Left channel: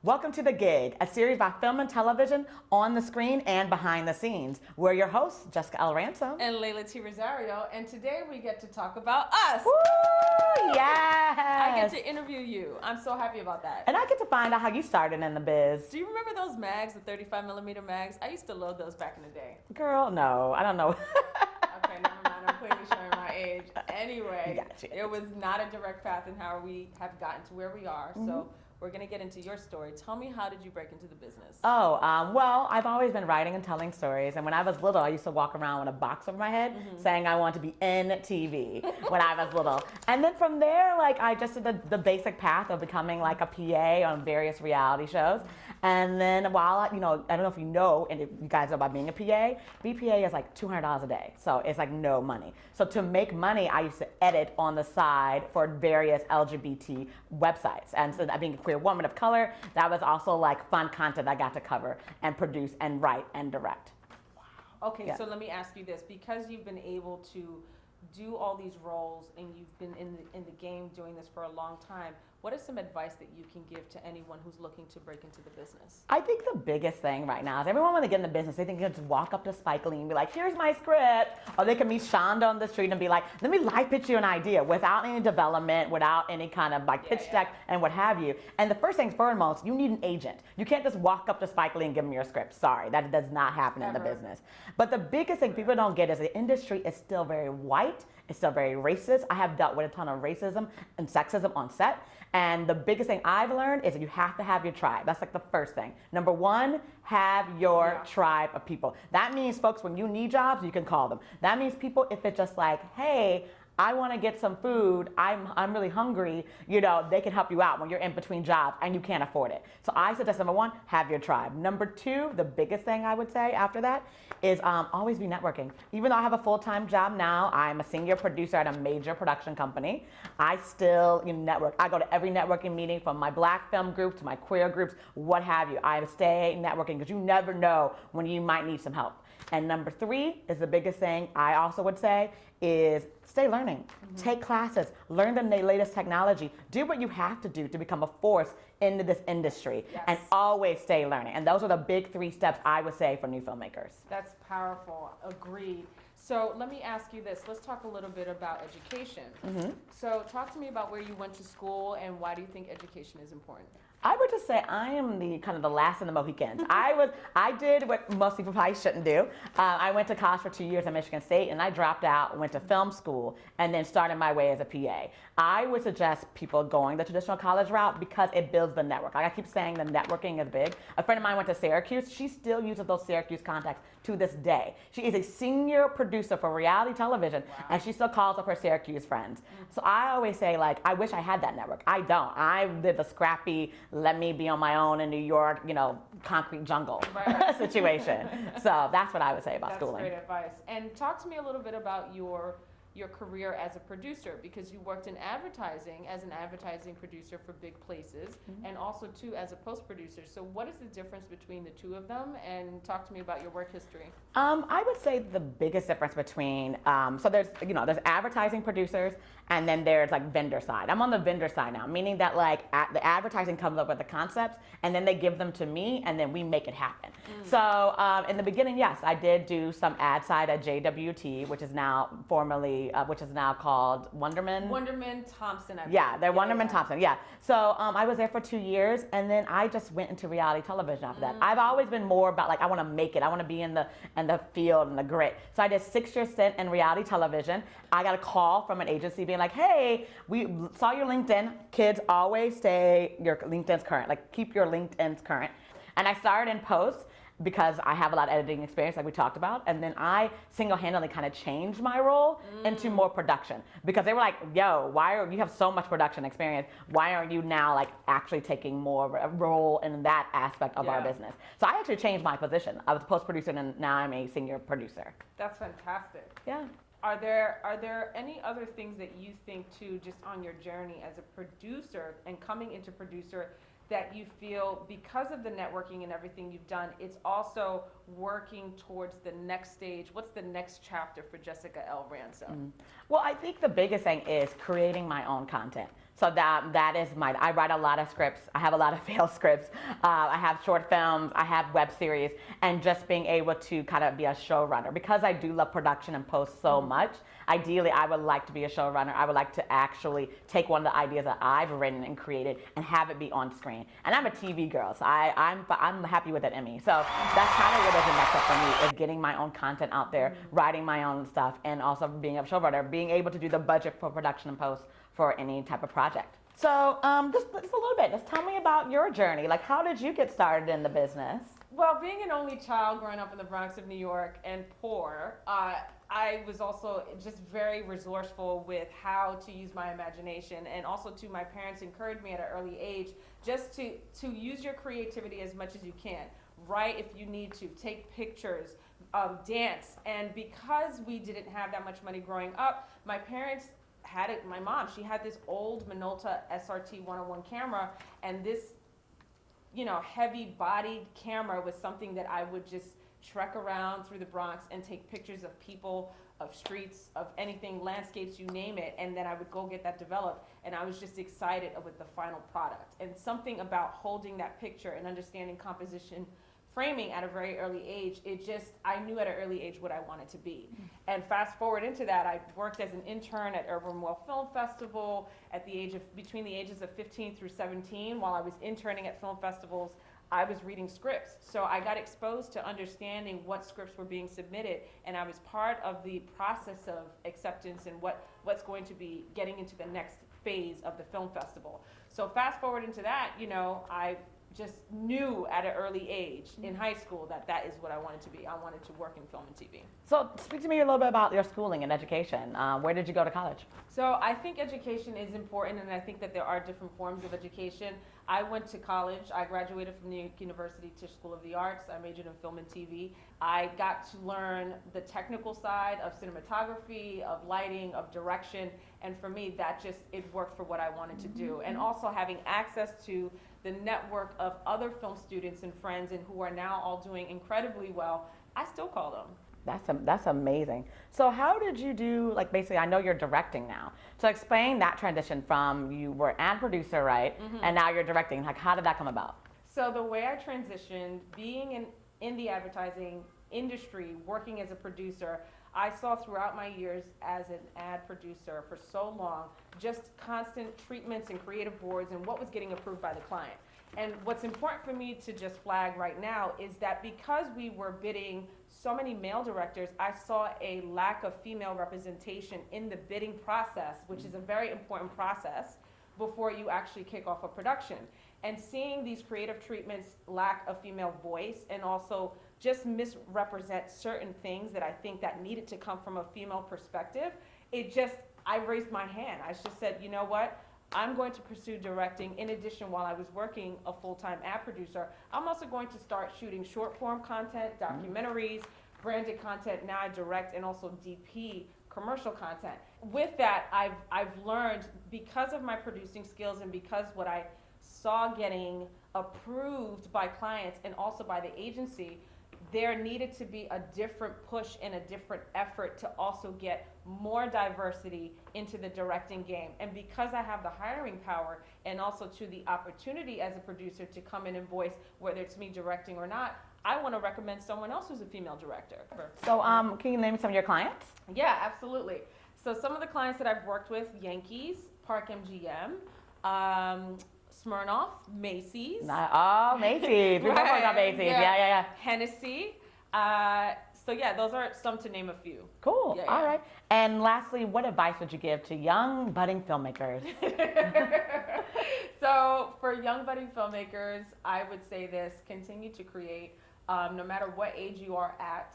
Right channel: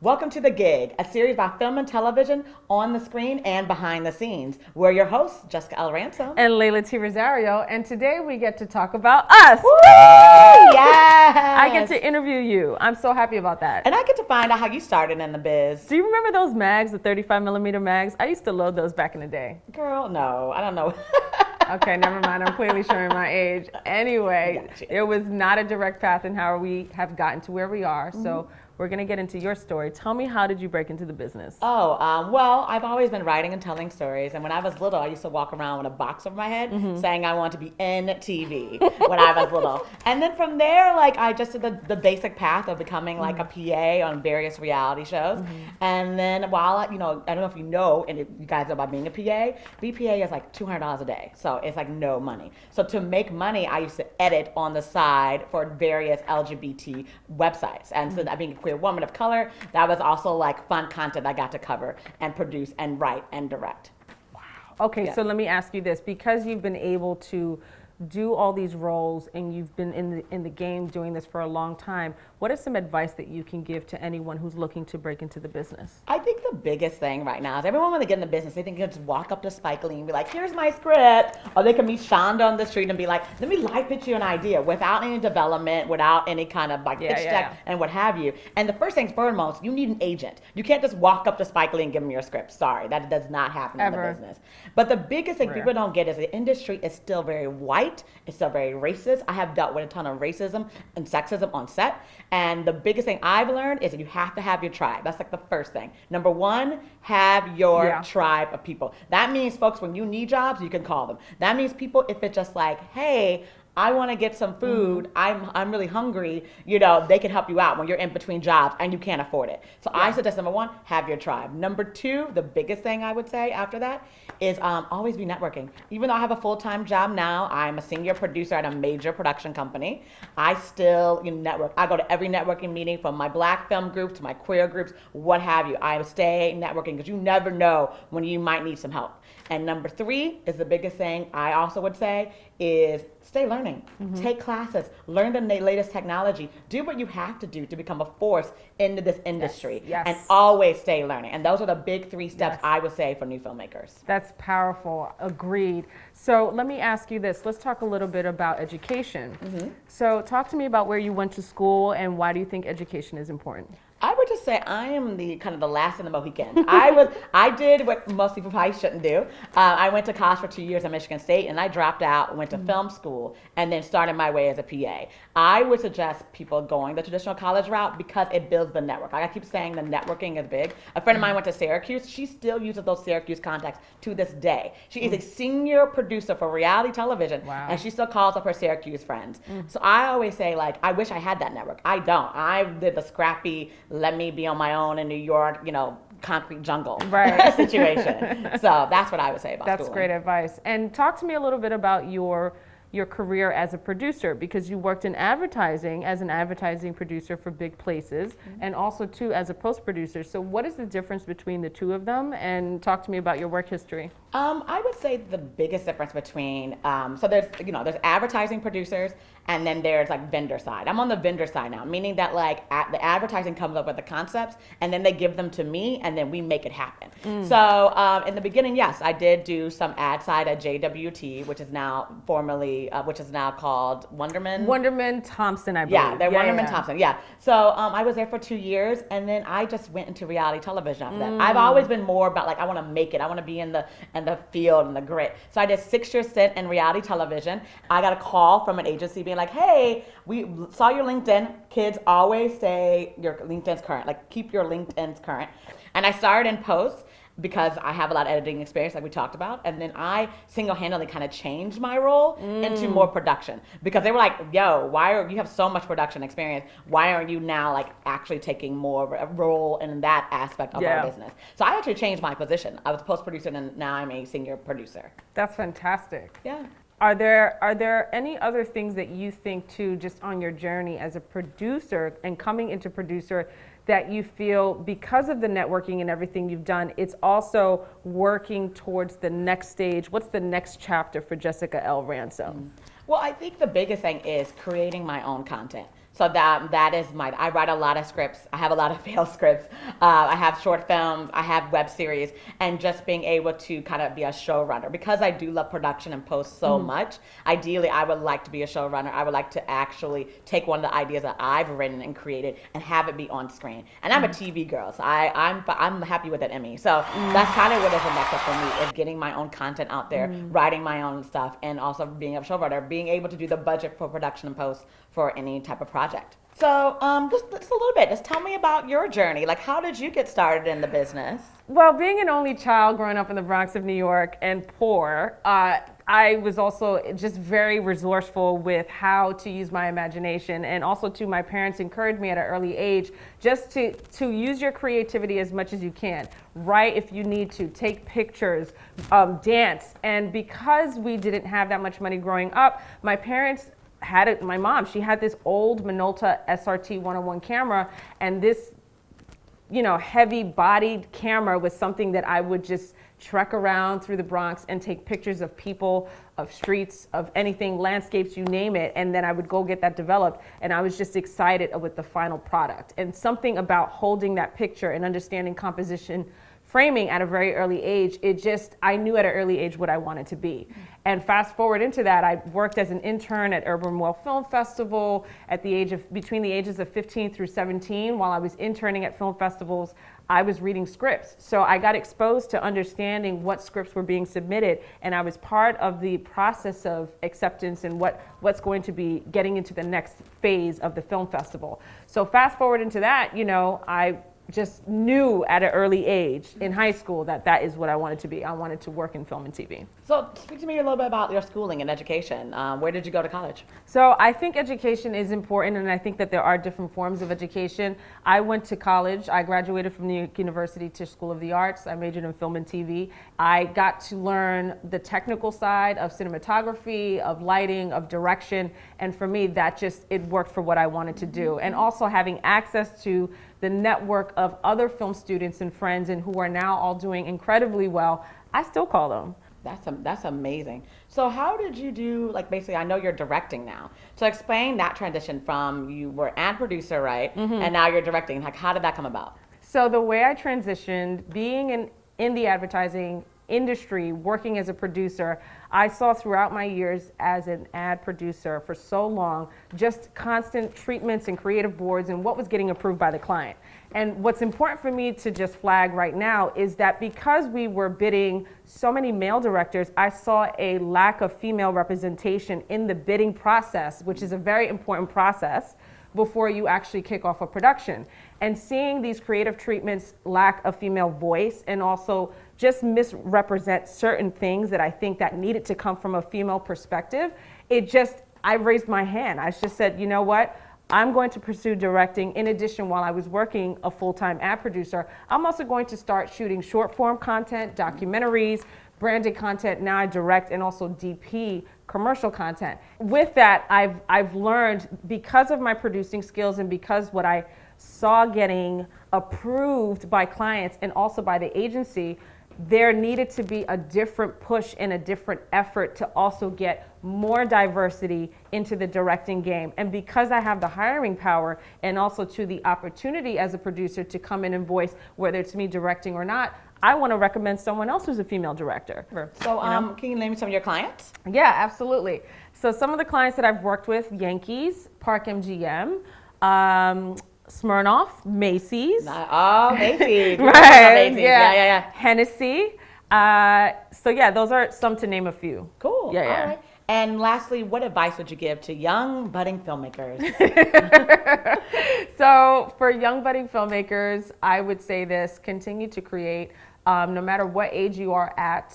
Welcome to The Gig, a series about film and television on the screen and behind the scenes. We're your hosts, Jessica L. Ransom. And Leyla T. Rosario, and today we get to talk about us. Woo! Yes! I get to interview you. I'm so happy about that. And I get to find out how you started in the biz. Do you remember those mags, the 35 millimeter mags? I used to load those back in the day. Girl, no, I don't know. Okay, never mind. I'm clearly showing my age. Anyway, there was not a direct path in how we have gotten to where we are. So we're going to get into your story. Tell me, how did you break into the business? Well, I've always been writing and telling stories. And when I was little, I used to walk around with a box over my head saying I want to be in TV when I was little. And then from there, like, I just did the basic path of becoming like a PA on various reality shows. And then while, I don't know if you know, and if you guys know about being a PA, BPA is like $200 a day. So it's like no money. So to make money, I used to edit on the side for various LGBT websites. And so that being a queer woman of color, that was also like fun content I got to cover and produce and write and direct. Okay, so let me ask you this. Because you've been able to do all these roles and you've been in the game doing this for a long time, what is some advice that you can give to anyone who's looking to break into the business? I think the biggest thing right now is everyone when they get in the business, they think you can just walk up to Spike Lee and be like, here's my script. Or they can meet Shonda on the street and be like, let me live pitch you an idea without any development, without any kind of like pitch deck and what have you. And the first thing foremost, you need an agent. You can't just walk up to Spike Lee and give him your script. Sorry, that does not happen in the business. But the biggest thing people don't get is the industry is still very white. It's still very racist. I have dealt with a ton of racism and sexism on set. And the biggest thing I've learned is you have to have your tribe. That's like the first thing. Number one, have your tribe of people. That means, folks, when you need jobs, you can call them. That means people, if it's just like, hey, I want to get some food, I'm really hungry, they can help you out when you're in between jobs and you can't afford it. So I suggest, number one, have your tribe. Number two, the biggest thing I would say after that is always be networking. Even though I have a full-time job now, I'm a senior producer at a major production company, I still network. I go to every networking meeting, from my black film group to my queer groups, what have you. I stay networking because you never know when you might need some help. And number three is the biggest thing I also would say is stay learning. Take classes. Learn the latest technology. Do what you have to do to become a force into this industry. Yes. And always stay learning. And those are the big three steps I would say for new filmmakers. That's powerful. Agreed. So let me ask you this. Let's talk a little bit about education. So talk to me about where you went to school and why do you think education is important? I would just say I am the kind of the last of the Mohicans. I did what most people probably shouldn't do. I went to college for 2 years at Michigan State, and I dropped out, went to film school, and then started my way as a PA. I would suggest people going the traditional college route because it builds the network. I keep saying the networking is big. A friend of mine went to Syracuse. She still uses those Syracuse contacts to this day. She is a senior producer for reality television, and she still calls up her Syracuse friends. So I always say, like, I wish I had that network. I don't. I did the scrappy, let me be on my own in New York, concrete jungle situation. So that's what I would say about That's schooling. great advice. And talk to me a little bit about your career as a producer, because you worked in advertising as an advertising producer for big places and also too as a post producer. So what is the difference between the two of them, and talk to me about your work history? I would say the biggest difference between so there's advertising producers and then there's like vendor side. I'm on the vendor side now, meaning that like the advertising comes up with the concepts and then they give them to me and then we make it happen. So in the beginning, yes, I did do some ad side at JWT, which is now called Wonderman. Wonderman Thompson, I believe. Yeah, they're Wonderman Thompson. Yeah. So I was there for 2 years, and then I just went into reality television after that. I've always been more about like I want to make it. I want to be in the field and the grit. So I did 6 years stint in reality television. I got a call from an agency being like, hey, we saw your LinkedIn. Kids, always say your LinkedIn's current. Like, keep your LinkedIn's current. And I started in post because I have a lot of editing experience, like we talked about. And then I single-handedly kind of changed my role into more production, because they were like, yo, you have so much production experience. Why aren't you now like actually taking more of a role in that aspect of our business? So I actually changed my position. I was a post producer and now I'm a senior producer. That's fantastic. Yeah. Are there any other things that you think too, just on your journey as a producer and coming into producer, that you feel because of the networking and everything you've done, it's also working towards the next stage? What's the next chapter for Jessica L. Ransom? Well, I think the biggest thing is creating my own content. So that is I write a lot of scripts. I have a lot of failed scripts. I have short films. I have web series, and just being able to kind of be a showrunner because I do love production and post so much. Ideally, I would like to be a showrunner. I would like to actually take one of the ideas that I've written and created and have it be on screen. And I'm a TV girl, so I'm happy with an Emmy. So that's kind of what is the next step for me is getting my own content out there, writing my own stuff, and also being a showrunner, being able to do the budget for production and post for any type of project. So, just a little bit. Just tell me about your journey. Like, how did you get started in the business? Well, being an only child growing up in the Bronx of New York and poor, I was also just very resourceful with how to use my imagination, and also too, my parents encouraged me at an early age just to use your creativity as much as you can. Write if you need to, take pictures, dance. And because we didn't have that much money growing up, my parents had it. My mom, she had this old Minolta SRT 101 camera, and this, heavy bodied camera was something that I would just trek around through the Bronx and take pictures of people, of streets, of anything, landscapes, you name it. And then I would go get that developed. And I was just excited with the final product. And something about holding that picture and understanding composition framing at a very early age, I knew at an early age what I wanted to be. And fast forward into that, I worked as an intern at Urban Well Film Festival between the ages of 15 through 17. While I was interning at film festivals, I was reading scripts. So I got exposed to understanding what scripts were being submitted, and I was part of the process of acceptance and what's going to be getting into the next phase of the film festival. So fast forward into that, I just knew at an early age in high school that is what I wanted to be. I wanted to work in film and TV. So speak to me a little bit about your schooling and education. Where did you go to college? So I think education is important, and I think that there are different forms of education. I went to college. I graduated from New York University Tisch School of the Arts. I majored in film and TV. I got to learn the technical side of cinematography, of lighting, of direction, and for me, it worked for what I wanted to do. And also having access to the network of other film students and friends and who are now all doing incredibly well, I still call them. That's amazing. So how did you do, basically, I know you're directing now. So explain that transition from you were ad producer, right? Mm-hmm. And now you're directing. How did that come about? So the way I transitioned, being in the advertising industry, working as a producer, I saw throughout my years as an ad producer for so long, just constant treatments and creative boards and what was getting approved by the client. And what's important for me to just flag right now is that because we were bidding so many male directors, I saw a lack of female representation in the bidding process, which is a very important process before you actually kick off a production. And seeing these creative treatments lack a female voice and also just misrepresent certain things that I think that needed to come from a female perspective, I raised my hand. I just said, you know what? I'm going to pursue directing. In addition, while I was working a full-time ad producer, I'm also going to start shooting short form content, documentaries, branded content. Now I direct and also DP commercial content. With that, I've learned, because of my producing skills and because what I saw getting approved by clients and also by the agency, there needed to be a different push and a different effort to also get more diversity into the directing game. And because I have the hiring power and also to the opportunity as a producer to come in and voice, whether it's me directing or not, I want to recommend someone else who's a female director. So can you name some of your clients? Yeah, absolutely. So some of the clients that I've worked with: Yankees, Park MGM, Smirnoff, Macy's. Oh, Macy's. Right. Macy's. Yeah. Hennessy. So yeah, those are some to name a few. Cool. Yeah. All right. And lastly, what advice would you give to young budding filmmakers? So for young budding filmmakers, I would say this: continue to create. No matter what age you are at,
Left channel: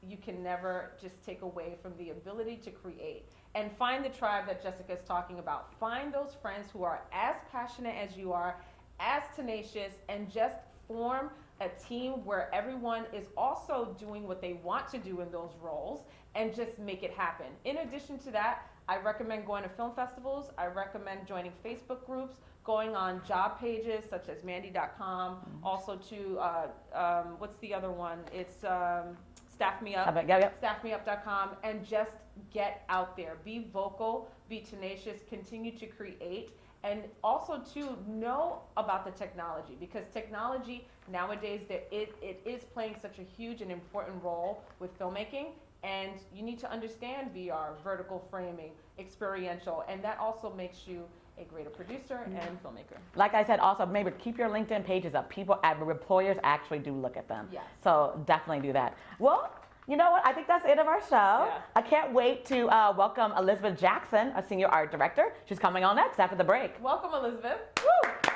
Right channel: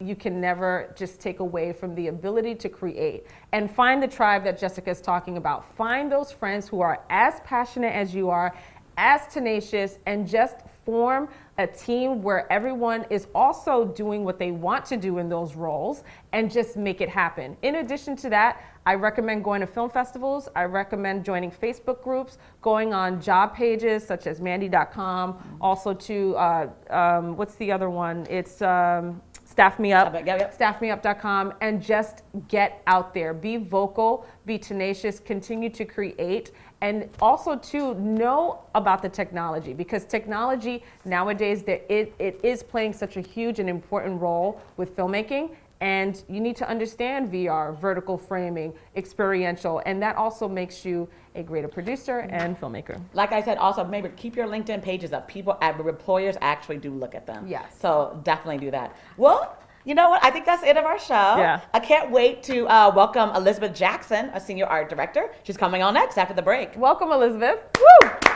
you can never just take away from the ability to create. And find the tribe that Jessica is talking about. Find those friends who are as passionate as you are, as tenacious, and just form a team where everyone is also doing what they want to do in those roles, and just make it happen. In addition to that, I recommend going to film festivals. I recommend joining Facebook groups, going on job pages such as Mandy.com, also to, what's the other one? It's Staff Me Up, Yep. staffmeup.com, and just get out there. Be vocal, be tenacious, continue to create, and also to know about the technology, because technology nowadays, it is playing such a huge and important role with filmmaking. And you need to understand VR, vertical framing, experiential, and that also makes you a greater producer and filmmaker. Like I said, also remember, keep your LinkedIn pages up. Employers actually do look at them. Yes. So definitely do that. Well, you know what? I think that's the end of our show. Yeah. I can't wait to welcome Elizabeth Jackson, a senior art director. She's coming on next after the break. Welcome, Elizabeth. Woo!